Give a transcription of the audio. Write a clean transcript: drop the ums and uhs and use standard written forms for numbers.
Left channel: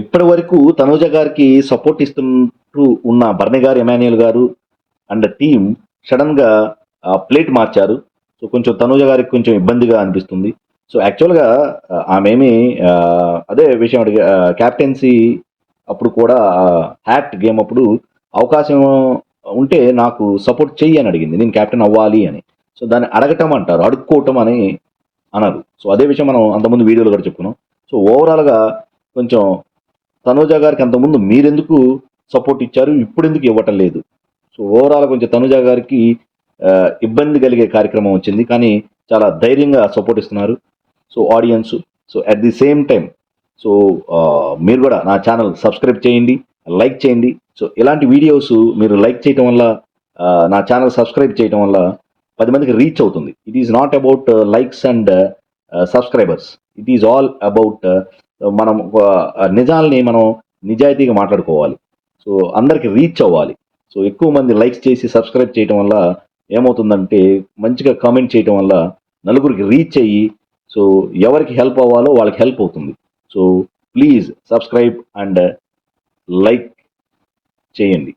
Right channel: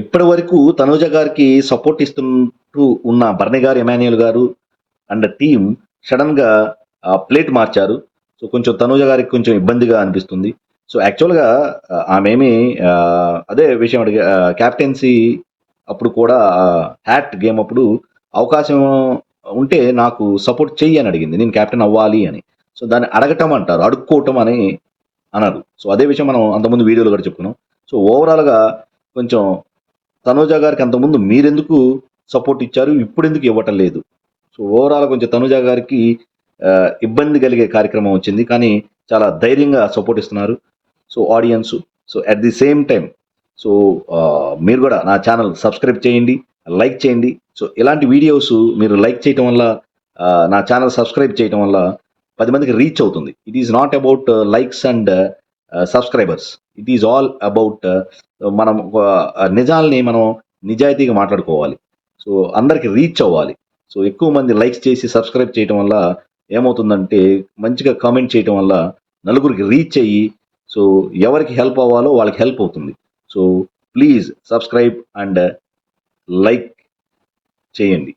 ఇప్పటి వరకు తనూజ గారికి సపోర్ట్ ఇస్తుంటూ ఉన్న భరణి గారు, ఎమాన్యుయల్ గారు అండ్ టీమ్ సడన్ గా ప్లేట్ మార్చారు. సో కొంచెం తనూజ గారికి కొంచెం ఇబ్బందిగా అనిపిస్తుంది. సో యాక్చువల్గా ఆమెమి అదే విషయం అడిగా, క్యాప్టెన్సీ అప్పుడు కూడా హ్యాట్ గేమ్ అప్పుడు అవకాశం ఉంటే నాకు సపోర్ట్ చెయ్యి అని అడిగింది, నేను కెప్టెన్ అవ్వాలి అని. సో దాన్ని అడగటం అంటారు, అడుక్కోవటం అని అనరు. సో అదే విషయం మనం అంతకుముందు వీడియోలో కూడా చెప్పుకున్నాం. సో ఓవరాల్గా కొంచెం తనూజ గారికి అంతకుముందు మీరెందుకు సపోర్ట్ ఇచ్చారు, ఇప్పుడు ఎందుకు ఇవ్వటం లేదు? సో ఓవరాల్ కొంచెం తనుజ గారికి ఇబ్బంది కలిగే కార్యక్రమం వచ్చింది, కానీ చాలా ధైర్యంగా సపోర్ట్ ఇస్తున్నారు. So audience, so at the same time so మీరు కూడా నా ఛానల్ సబ్స్క్రైబ్ చేయండి, లైక్ చేయండి. సో ఇలాంటి వీడియోస్ మీరు లైక్ చేయటం వల్ల, నా ఛానల్ సబ్స్క్రైబ్ చేయటం వల్ల 10 మందికి రీచ్ అవుతుంది. It is not about likes and subscribers, it is all about మనం నిజాల్ని మనం నిజాయితీగా మాట్లాడుకోవాలి. సో అందరికి రీచ్ అవ్వాలి. సో ఎక్కువ మంది లైక్స్ చేసి సబ్స్క్రైబ్ చేయడం వల్ల ఏమవుతుందంటే, మంచిగా కామెంట్ చేయడం వల్ల నలుగురికి రీచ్ అయ్యి, సో ఎవరికి హెల్ప్ అవ్వాలో వాళ్ళకి హెల్ప్ అవుతుంది. So please subscribe and like చేయండి.